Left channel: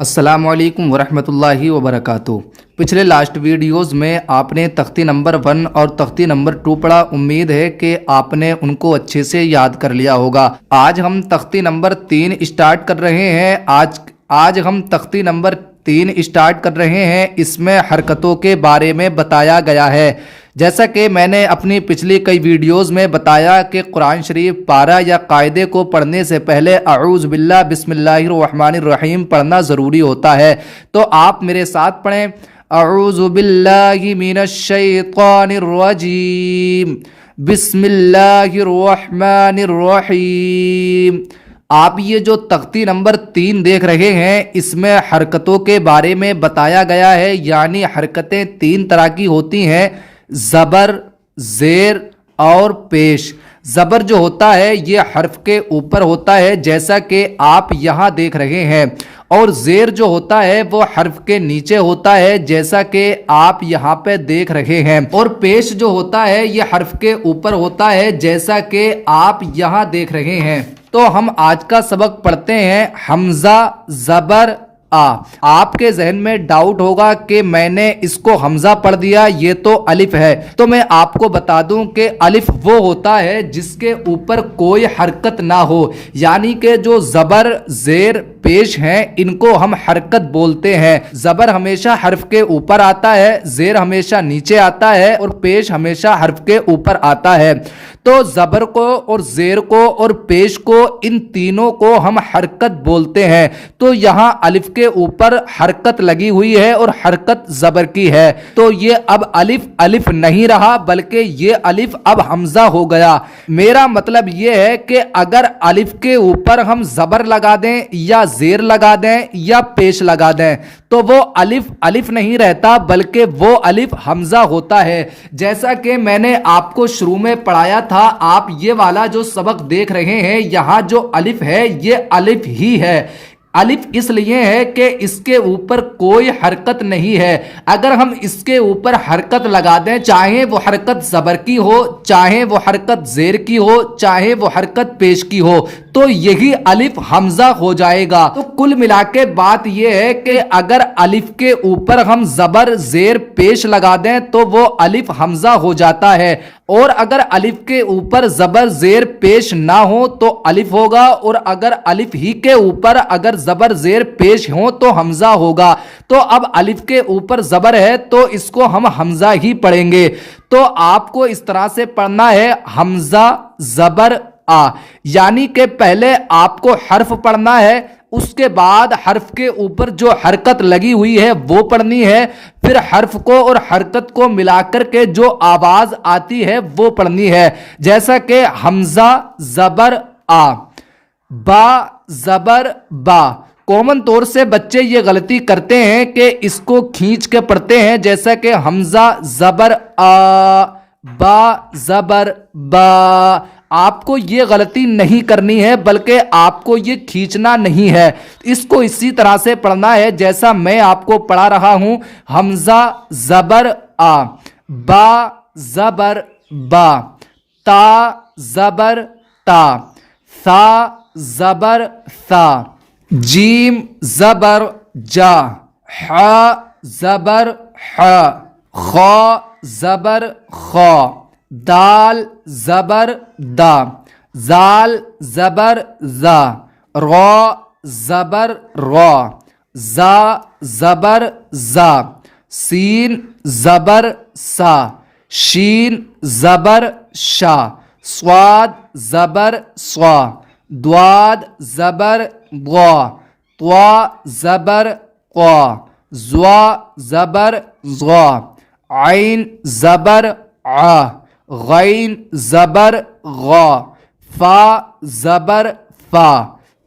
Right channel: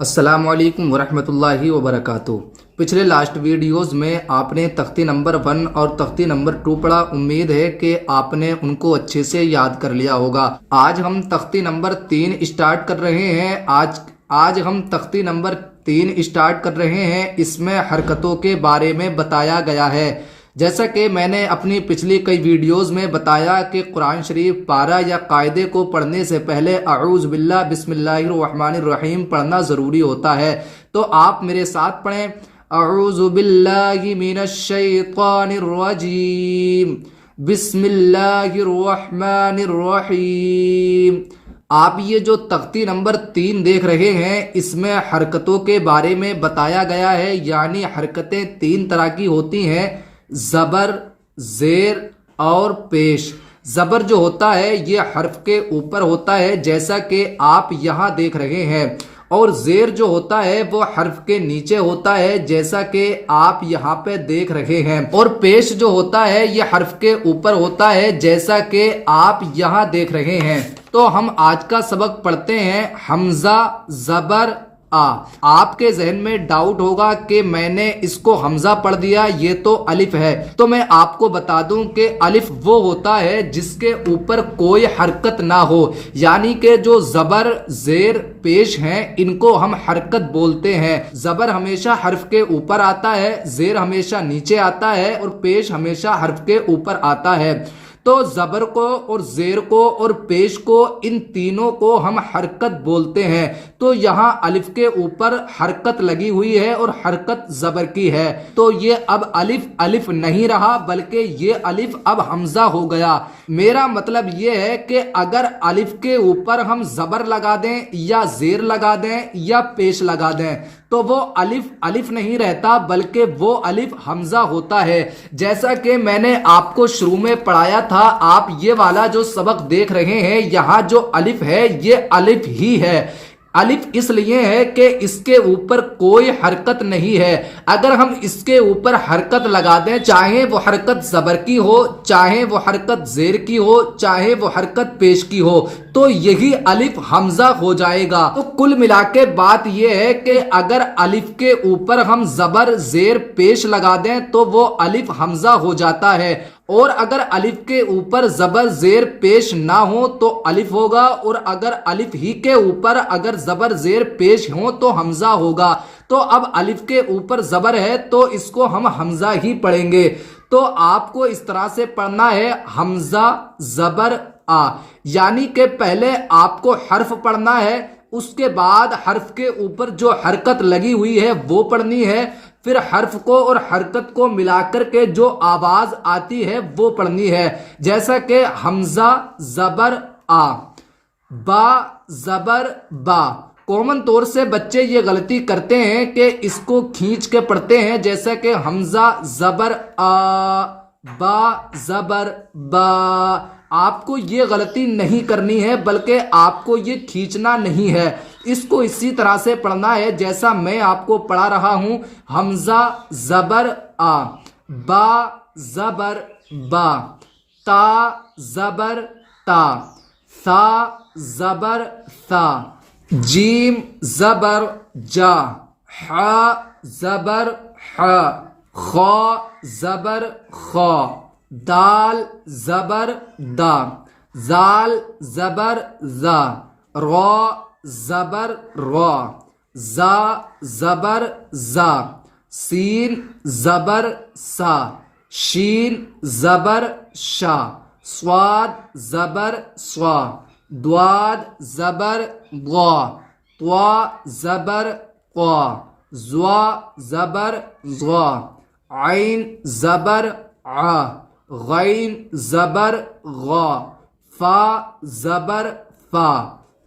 السلام علیکم ورحمۃ اللہ وبرکاتہ۔ پچھلے لاسٹ ویڈیوز میں آپ نے تختی نمبر 1 اور تختی نمبر 2 پڑھا۔ امید ہے کہ آپ نے ان کو اچھے سے یاد کر لیا ہوگا۔ آج ہم تختی نمبر 3 اسٹارٹ کر رہے ہیں۔ آج ہم تختی نمبر 3 اسٹارٹ کر رہے ہیں۔ اس میں حرکتوں کے بارے میں بتایا گیا ہے۔ جیسا کہ میں نے اپنی پچھلی کئی ویڈیوز میں بتایا کہ قرآن شریف پارہ یا قاعدے کو پڑھنے سے پہلے اعوذ باللہ بسم اللہ الرحمن الرحیم پڑھنا ضروری ہوتا ہے۔ تو آپ میرے ساتھ پڑھیں، اعوذ باللہ من الشیطان الرجیم بسم اللہ الرحمن الرحیم۔ آپ یہ جو تختی نمبر 3 دیکھ رہے ہیں، اس میں حرکتوں کے بارے میں بتایا گیا ہے۔ یعنی حرکتیں 3 طرح کی ہوتی ہیں: زبر، زیر اور پیش۔ زبر جو ہوتا ہے یہ حرف کے اوپر ہوتا ہے، جیسا کہ آپ یہاں دیکھ رہے ہیں، اور زیر جو ہوتا ہے وہ حرف کے نیچے ہوتا ہے، جیسا کہ آپ یہاں پہ دیکھ رہے ہیں، اور پیش جو ہوتا ہے یہ حرف کے اوپر ہوتا ہے، جیسا کہ آپ یہاں دیکھ رہے ہیں۔ تو ہم آج کا سبق پڑھتے ہیں حمزہ زبر آ۔ آپ کے ذہن میں ڈاؤٹ ہوگا کہ میں نے اس کو حمزہ پڑھ دیا، یہ تو الف ہے۔ تو میں آپ کو بتا دوں کہ الف وہ ہوتا ہے جس کے اوپر کوئی حرکت نہ ہو، یعنی کہ جو زبر، زیر، پیش ہیں ان کو ہم حرکت بولتے ہیں۔ زبر ہمیشہ حرف کے اوپر آتا ہے، زیر ہمیشہ نیچے آتا ہے، اور پیش ہمیشہ حرف کے اوپر آتا ہے۔ تو زبر کو اور زیر کو اور پیش کو، ان تینوں کو ہم حرکت بولتے ہیں۔ تو یہاں الف کے اوپر حرکت لگی ہوئی ہے اور حرکت زبر کی ہے، تو یہ اب الف نہیں رہا، بلکہ یہ الف اب حمزہ ہو گیا۔ میرا مطلب یہ ہے کہ اگر الف کے اوپر ہم زبر لگا دیں یا زیر لگا دیں یا پیش لگا دیں تو وہ الف نہیں رہتا، بلکہ وہ الف حمزہ ہوتا ہے۔ جیسا کہ میں نے آپ کو شروع میں پڑھایا تھا، آپ یہ والا جو سبق دیکھ رہے ہیں، یہاں جو الف ہے یہ الف ہی ہے۔ الف اس لیے ہے کہ اس کے اوپر کوئی حرکت نہیں ہے۔ اگر ہم اس کے اوپر حرکت لگا دیں، چاہے وہ حرکت زبر کی ہو، چاہے وہ حرکت زیر کی ہو، چاہے وہ حرکت پیش کی ہو، تو یہی الف حمزہ ہو جائے گا۔ تو کل ملا کے بات یہ ہے کہ اگر الف کے اوپر ہم زبر، زیر، پیش لگا دیں تو وہ الف حمزہ ہو جاتا ہے، اور اگر الف کے اوپر زبر، زیر، پیش نہ ہو تو الف ہوگا، اور اگر الف ہی کے اوپر اگر زبر، زیر، پیش ہو تو حمزہ ہوگا۔ تو اب الف کے اوپر زبر ہے تو اس کو ہم حمزہ ہی پڑھیں گے۔ تو آپ کو اس طرح سے پڑھنا ہے حمزہ زبر آ، یعنی کہ پہلے آپ کو حرف پڑھنا ہے، اس کے بعد حرف کے اوپر جو حرکت لگی ہوئی ہے وہ پڑھنی ہے، پھر حرف کو اور حرکت کو ملا کر کے جو آواز آتی ہے وہ پڑھنی ہے۔ جیسا کہ حمزہ زبر آ، با زبر با۔ کامن طور سے بچے یہ غلطی کرتے ہیں کہ اس کو کھینچ کے پڑھتے ہیں، جیسا کہ حمزہ زبر آ، با زبر با۔ آپ کو یہ غلطی نہیں کرنی ہے، بلکہ آپ کو یہ کھینچنا نہیں ہے، اس کو اسی طرح سے پڑھنا ہے جیسا میں آپ کو پڑھا رہا ہوں۔ حمزہ زبر آ، با زبر با، تا زبر تا، ثا زبر ثا، جیم زبر جا، ح زبر ح، خا زبر خا، دال زبر دا، زال زبر زا، را زبر را، زا زبر زا، سین زبر سا، شین زبر شا، صاد زبر صا، دواد زبر ضا، طوا زبر قا، زوا زبر ضا، عین زبر ع، غین زبر غا، فا زبر فا،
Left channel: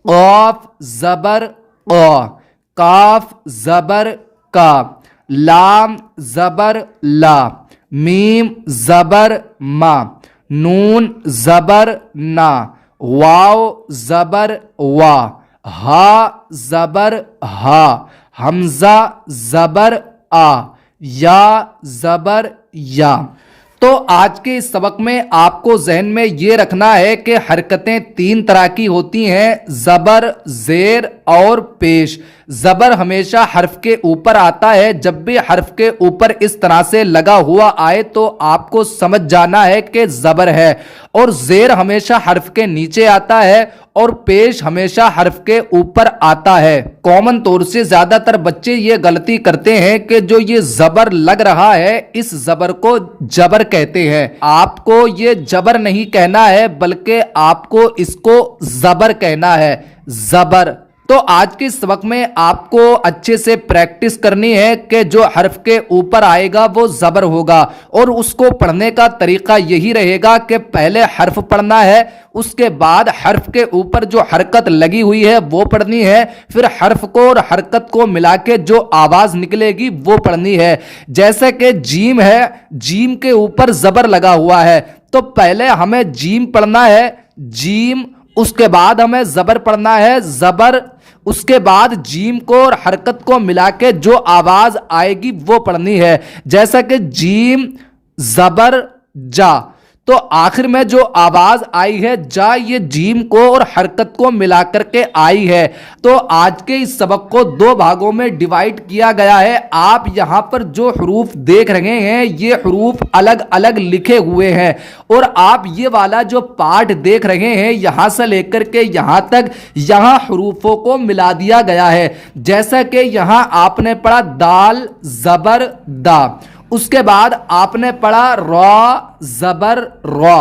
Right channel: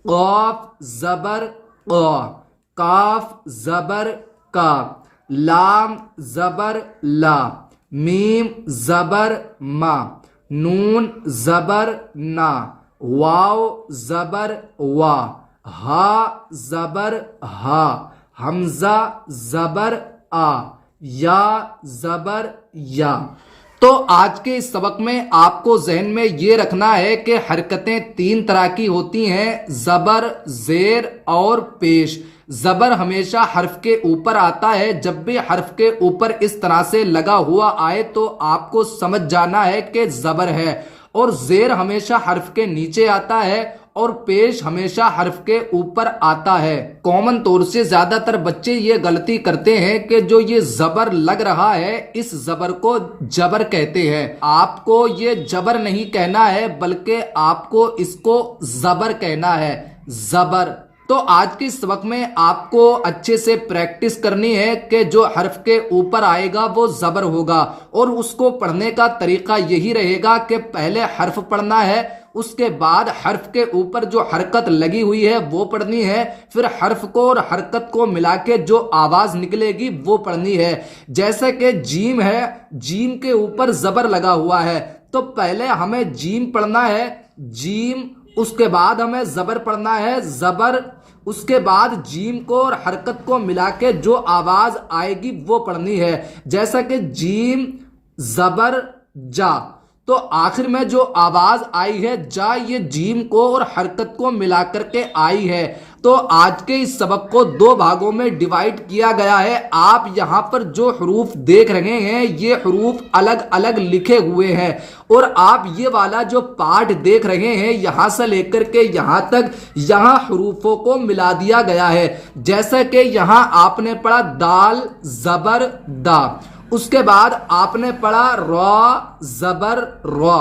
قاف زبر قا، کاف زبر کا، لام زبر لا، میم زبر ما، نون زبر نا، واو زبر وا، ہا زبر ہا، حمزہ زبر آ، یا زبر یا۔ تو آج کے اس سبق میں آپ کو ذہن میں یہ رکھنا ہے کہ حرکتیں 3 طرح کی ہوتی ہیں: زبر، زیر اور پیش۔ زبر ہمیشہ حرف کے اوپر آتا ہے. جب بھی حرف کے اوپر اس طرح سے لگا ہوا آئے تو آپ کو سمجھ جانا ہے کہ زبر ہے. اور زیر ہمیشہ حرف کے نیچے آتا ہے اور پیش ہمیشہ حرف کے اوپر آتا ہے. کامن طور سے زیادہ تر بچے یہ غلطی کرتے ہیں کہ جو یہ زبر لگ رہا ہے اس زبر کو جبر کہتے ہیں. آپ کو یہ جبر نہیں کہنا ہے بلکہ آپ کو اس کو زبر کہنا ہے. زبر. تو آج کے اس وقت میں آپ کو اچھے سے پریکٹس کرنی ہے کہ جو حرف کے اوپر آئے گا وہ زبر ہوگا. اور اس کو پڑھنے کا طریقہ یہی رہے گا کہ پہلے حرف پڑھنا ہے, اس کے بعد حرف کے اوپر جو حرکت لگی ہوئی ہے وہ پڑھنی ہے, پھر حرف کو اور حرکت کو ملا کے جو آواز نکلے گی وہ پڑھنی ہے. جیسے کہ جیم ہے, جیم کے اوپر زبر لگا ہوا ہے تو پہلے ہمیں جیم پڑھنا ہے, جیم. اس کے بعد ہمیں زبر پڑھنا ہے, زبر. اس کے بعد جیم کو اور حرکت کو ملا کے جو آواز آئے گی وہ پڑھنی ہے. جیسا کہ جیم زبر جا, تو آخر میں جو آواز آئی ہے جا, یہ جیم کو اور حرکت کو ملا کر کے آئی ہے. تو آج کے اس سبق کو دو بھاگوں میں ڈیوائیڈ کیا گیا ہے. آپ یہاں پر جو حروف دیکھ رہے ہیں یہ حروف الگ الگ لکھے ہوئے ہیں, اور آپ یہ والا جو پارٹ دیکھ رہے ہیں یہاں سے لے کر کے یہاں تک, یہاں حروفوں کو ملا دیا گیا ہے. جیسا کہ یہاں آپ نے پڑھا دال زبر دا, اس کے بعد آپ نے پڑھا را زبر را,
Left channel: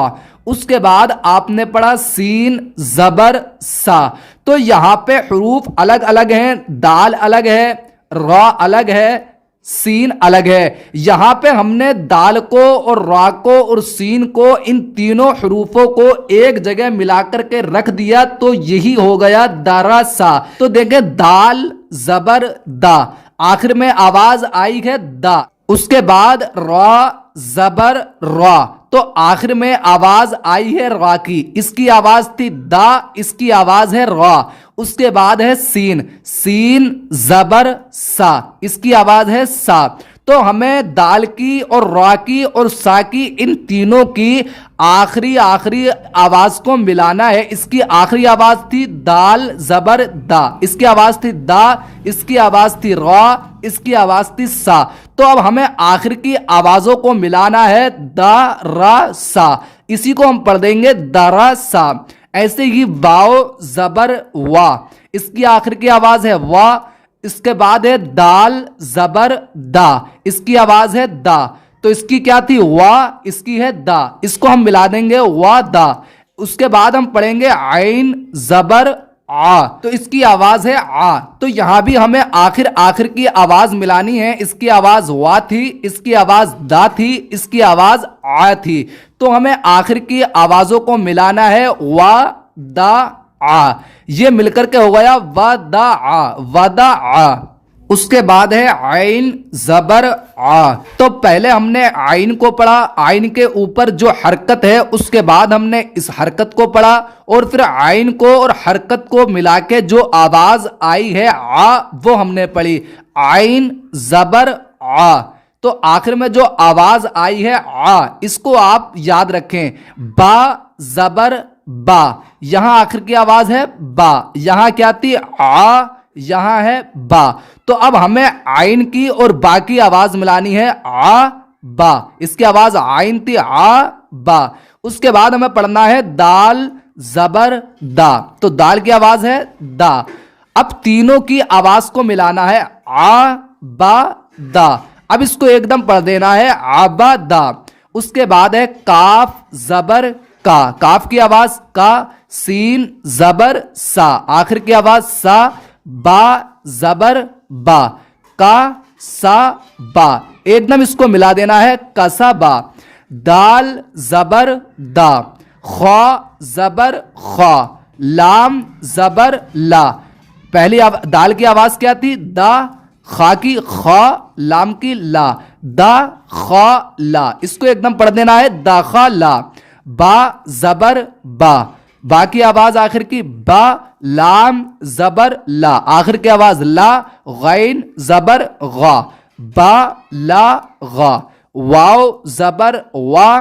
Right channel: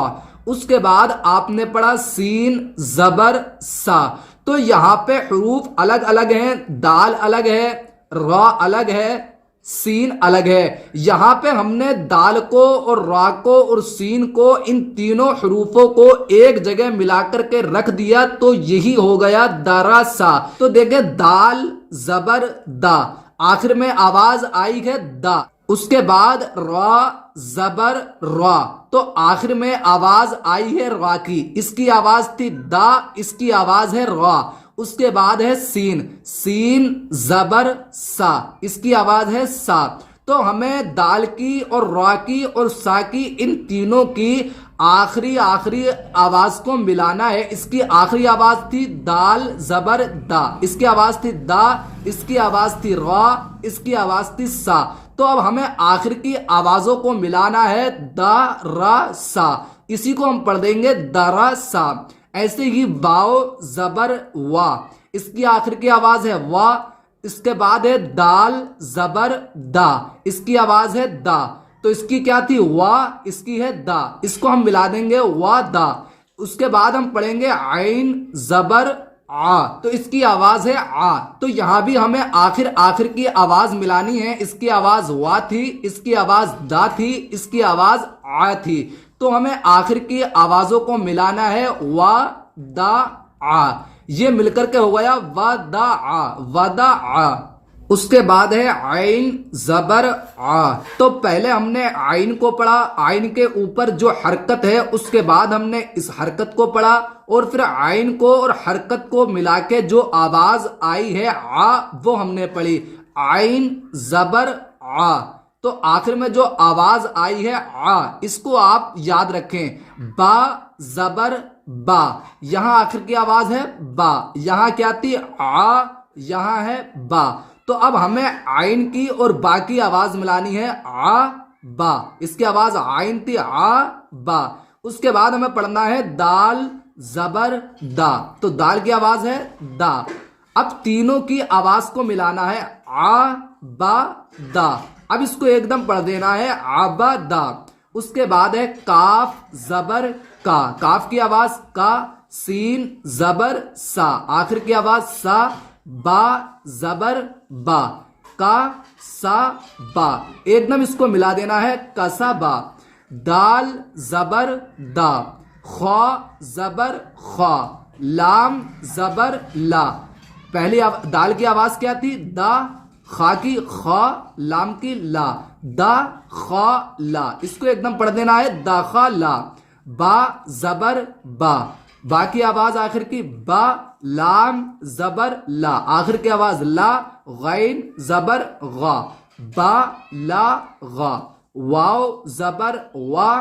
اس کے بعد آپ نے پڑھا سین زبر سا. تو یہاں پہ حروف الگ الگ ہیں, دال الگ ہے, را الگ ہے, سین الگ ہے. یہاں پہ ہم نے دال کو اور را کو اور سین کو, ان تینوں حروفوں کو ایک جگہ ملا کر کے رکھ دیا تو یہی ہو گیا دارا سا. تو دیکھیں دال زبر دا, آخر میں آواز آئی ہے دا. اس کے بعد را زبر را, تو آخر میں آواز آئی ہے را کی, اس کی آواز تھی دا, اس کی آواز ہے را. اس کے بعد ہے سین, سین زبر سا, اس کی آواز ہے سا. تو ہمیں دال کی اور را کی اور سا کی, ان تینوں کی آخری آواز کو ملانا ہے. اس کی آخری آواز تھی دال زبر دا, اس کی آواز تھی دا, اس کی آواز تھی را, اس کی آواز تھی سا. تو اب ہمیں آخر کی آوازوں کو ملانا ہے دا را سا, اسی کو ہم پڑھ دیں گے درا سا. ایسے ہی واو زبر وا, اس کی آخر کی آواز ہے وا. اس کے بعد ہے دال زبر دا, اس کی آواز ہے دا. تو اس کی کیا تھی وا, اس کی ہے دا, اس کو ہم ملا دیں گے وا دا. اس کے بعد ہم پڑھیں گے عین زبر آ, تو اس کی آواز ہے آ. تو یہاں بھی ہمیں آخر کی آواز ملانی ہے. اس کی آواز وا تھی, اس کی آواز دا تھی, اس کی آواز آ تھی. تو ہمیں آخر کی آوازوں کو ملانا ہے وا دا آ, یہ مل کر کے ہو گیا وا دا آ, ودا آ. اس کے بعد ہے عین زبر آ. تو پہلے ہم نے عین کو پڑھا, عین کے اوپر جو حرکت ہے اس کے بعد ہم نے اس حرکت کو پڑھا, اور پھر عین کو اور حرکت کو ملا کے جو آواز آئی ہے آ وہ ہم نے پڑھی عین زبر آ. تو آخر میں جو آواز آئی ہے آ, اس کو آپ یاد رکھیں. با زبر با, یہاں آخر کی آواز ہے با, یہاں کیا تھی آ, یہاں ہے با. تو اب ہمیں عین کی اور با کی آواز ملانی ہے آ با, اس کی آواز عین تھی آ با. اس کے بعد ہمیں پڑھنا ہے دال زبر دا, تو دال کی آواز ہے دا. اب تینوں کی آواز کو ملانا ہے آ با دا. اب اس کو ایک دم پڑھ دینا ہے آبا دا. اس کے بعد ہے کاف زبر کا, کاف کی آواز کا, سین زبر سا, آخر کی آواز سا, با زبر با, کا سا با. ایک دم اس کو ملا دینا ہے کسا با. دال زبر دا, خا زبر خا, لام زبر لا. پہلی دال کی آواز کیا تھی دا, خا کی خا, لام کی لا, دا خا لا. اس کو ایک دم پڑھ دینا ہے دا خا لا. با زبر با, با کی آواز آخر کی با, لام زبر لا, آخر کی آواز لا, غین زبر غا, با لا غا. واو زبر وا,